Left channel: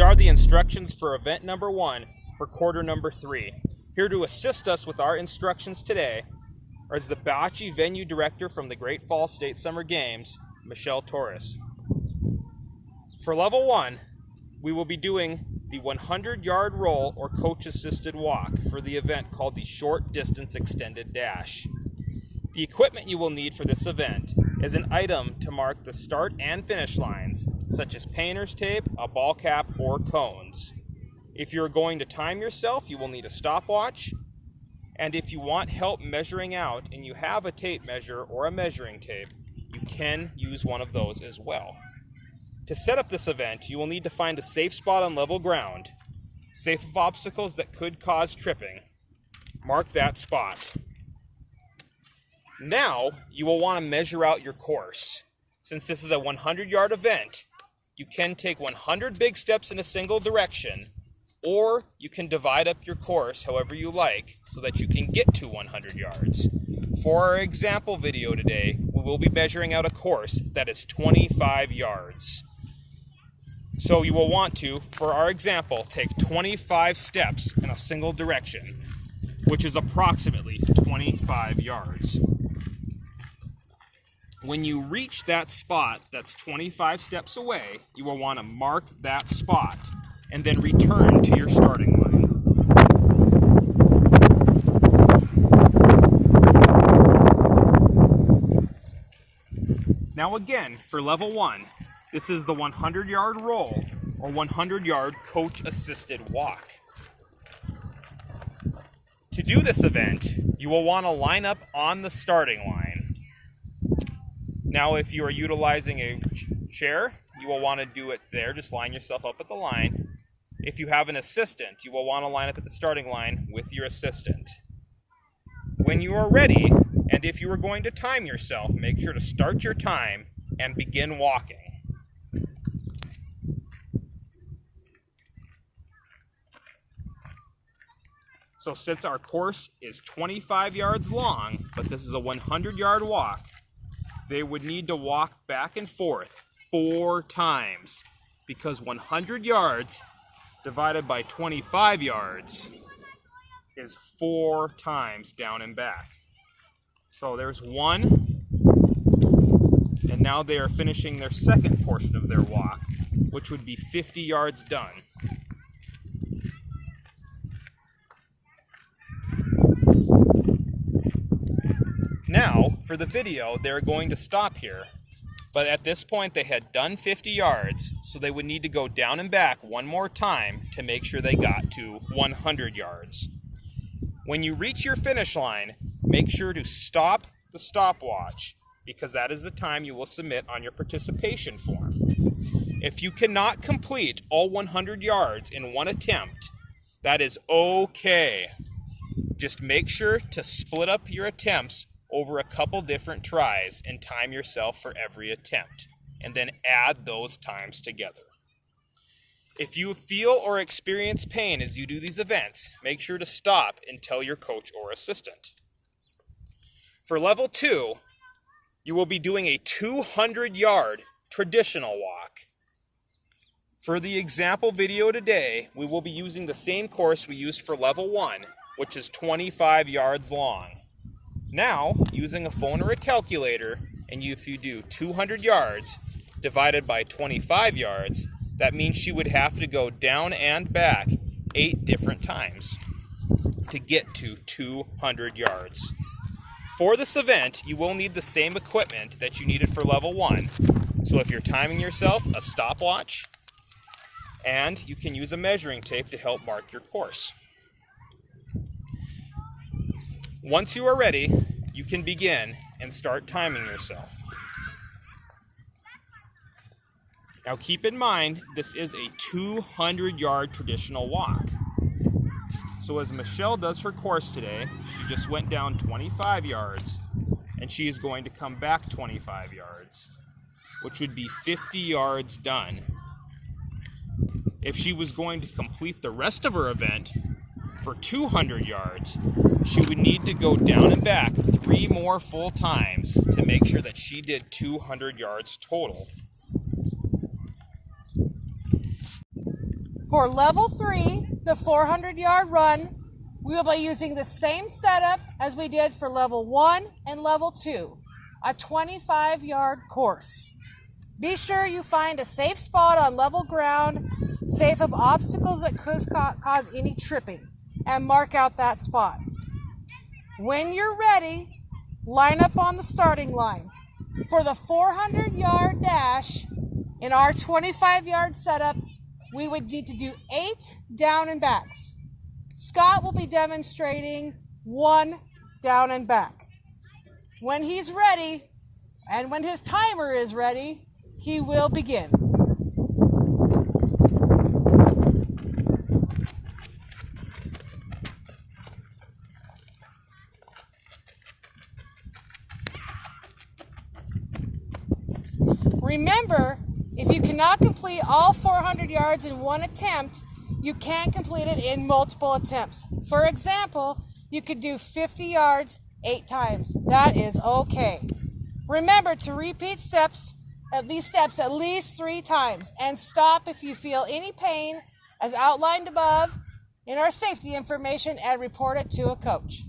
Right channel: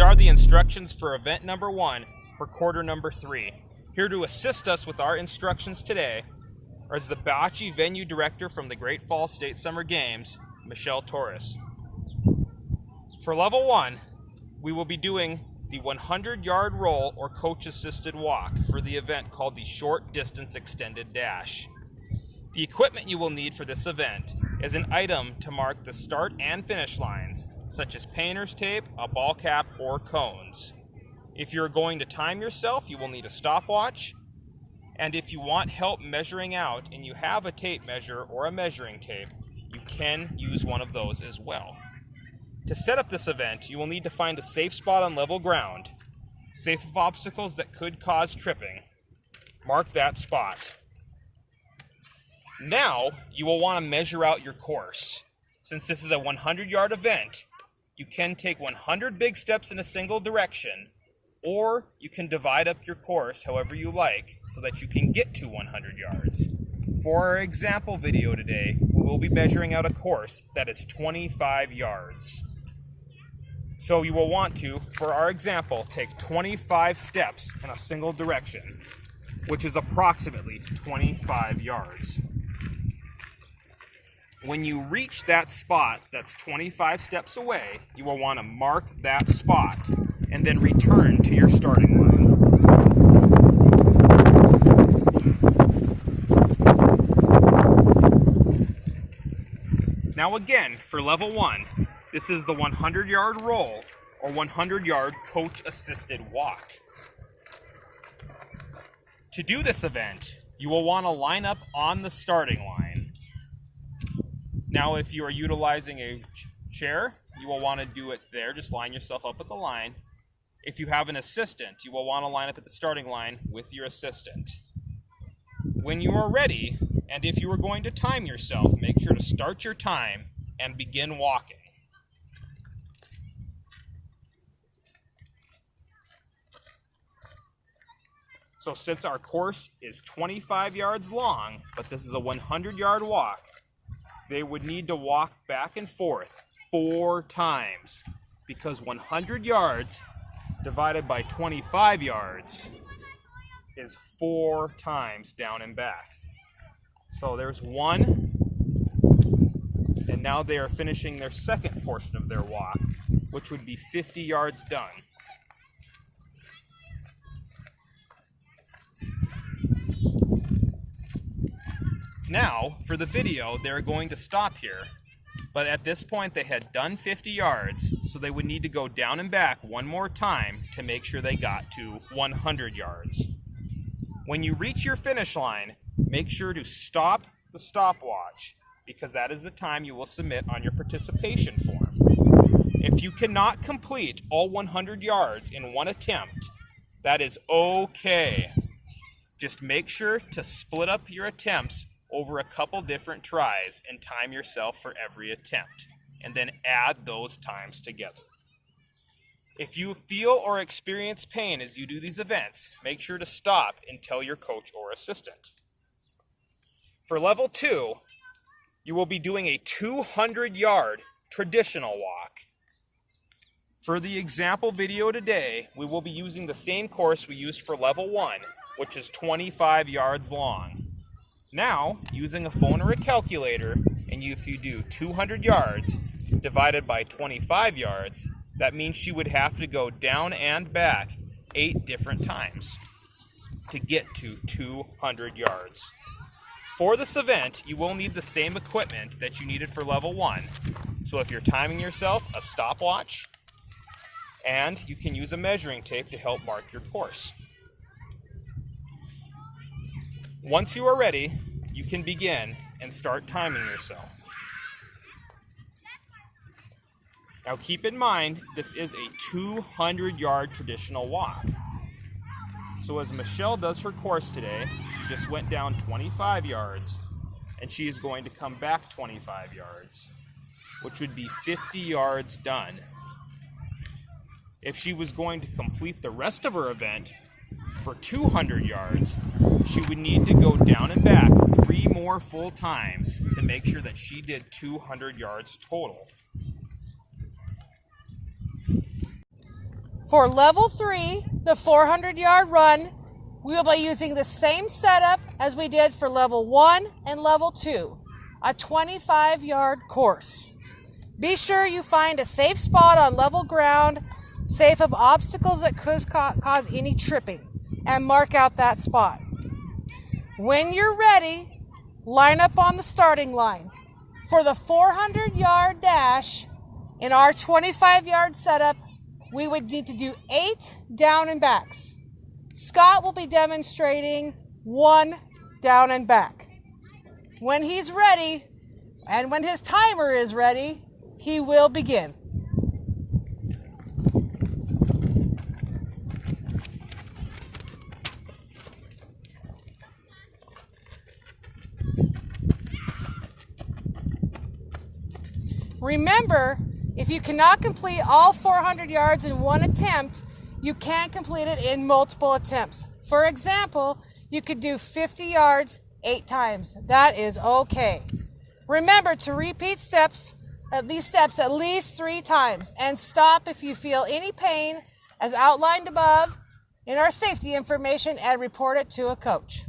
These are the instructions for event number 1 for quarter number 3. Here to assist us with our instructions today is the Bocce venue director from the Great Falls State Summer Games, Michelle Torres. For level 1, we will be doing the 100-yard roll or coach-assisted walk for the event called the Short Distance Extended Dash. The equipment you will need for this event is an item to mark the start and finish lines, such as painter's tape, a ball cap, or cones. If you're going to time yourself, you will need a stopwatch. And if you want help measuring out and you have a tape measure or a measuring tape, you can use one of those as well. To set up this event, you will need to find a safe spot on level ground, safe of obstacles that could cause tripping. Mark that spot. Now, you will want to measure out your course. Since this is a 100-yard event, you can take 100 big steps in a single direction, or you can divide up your course however you like so that you can get to 100 yards. For our example video today, we will be measuring out a course that is 25 yards. So you will want to, for our example, take 25 steps in a single direction, which is approximately 25 yards. When you reach that spot that's 25 steps away, you will want to mark that spot and then return to your starting line. Now again, for level 1, this is the 100-yard roll or 100-yard coach-assisted walk. To do this event, you will want to line up on the starting line. Now, if you are utilizing a chair, you will want to do it there. Just line yourself up at the line. If you have an assistant, you will want to line up at the starting line with your assistant. When you are ready, and if you are going to time yourself, make sure to start your time and begin walking. So since our course is 25 yards long, but this is a 100-yard walk, they would need to walk back and forth 4 times, because 100 yards divided by 25 yards is 4 times down and back. So there's 1, and now they are finishing their second portion of their walk, which would be 50 yards done. Now, for the video, they're going to stop here, but at this point they had done 50 yards, so they would need to go down and back one more time to make sure they got to 100 yards. When you reach your finish line, make sure to stop the stopwatch, because that is the time you will submit on your participation form. If you cannot complete all 100 yards in one attempt, that is okay. Just make sure to split up your attempts over a couple different tries and time yourself for every attempt, and then add those times together. If you feel or experience pain as you do these events, make sure to stop and tell your coach or assistant. For level 2, you will be doing a 200-yard traditional walk. For the example video today, we will be using the same course we used for level 1, which is 25 yards long. Now, using a phone or a calculator, and if you do 200 yards divided by 25 yards, that means she would have to go down and back 8 different times to get to 200 yards. For this event, you will need the same equipment that you needed for level 1. So if you're timing yourself, a stopwatch, and you can use a measuring tape to help mark your course. Once you are ready, you can begin and start timing yourself. Now keep in mind, this is a 200-yard traditional walk. So as Michelle does her course today, she just went down 25 yards, and she is going to come back 25 yards, which would be 50 yards done. If she was going to complete the rest of her event for 200 yards, she would need to go down and back 3 more full times to make sure that she did 200 yards total. For level 3, the 400-yard run, we will be using the same setup as we did for level 1 and level 2, a 25-yard course. Be sure you find a safe spot on level ground, safe of obstacles that could cause any tripping, and mark out that spot. When you're ready, line up on the starting line. For the 400-yard dash, in our 25-yard setup, we would need to do 8 down and backs. Scott will be demonstrating 1 down and back. When he's ready, and when his timer is ready, he will begin. Remember, if you cannot complete all 400 yards in one attempt, you can complete it in multiple attempts. For example, you could do 50 yards 8 times. That is okay. Remember to repeat these steps at least 3 times, and stop if you feel any pain as outlined above in our safety information and report it to a coach.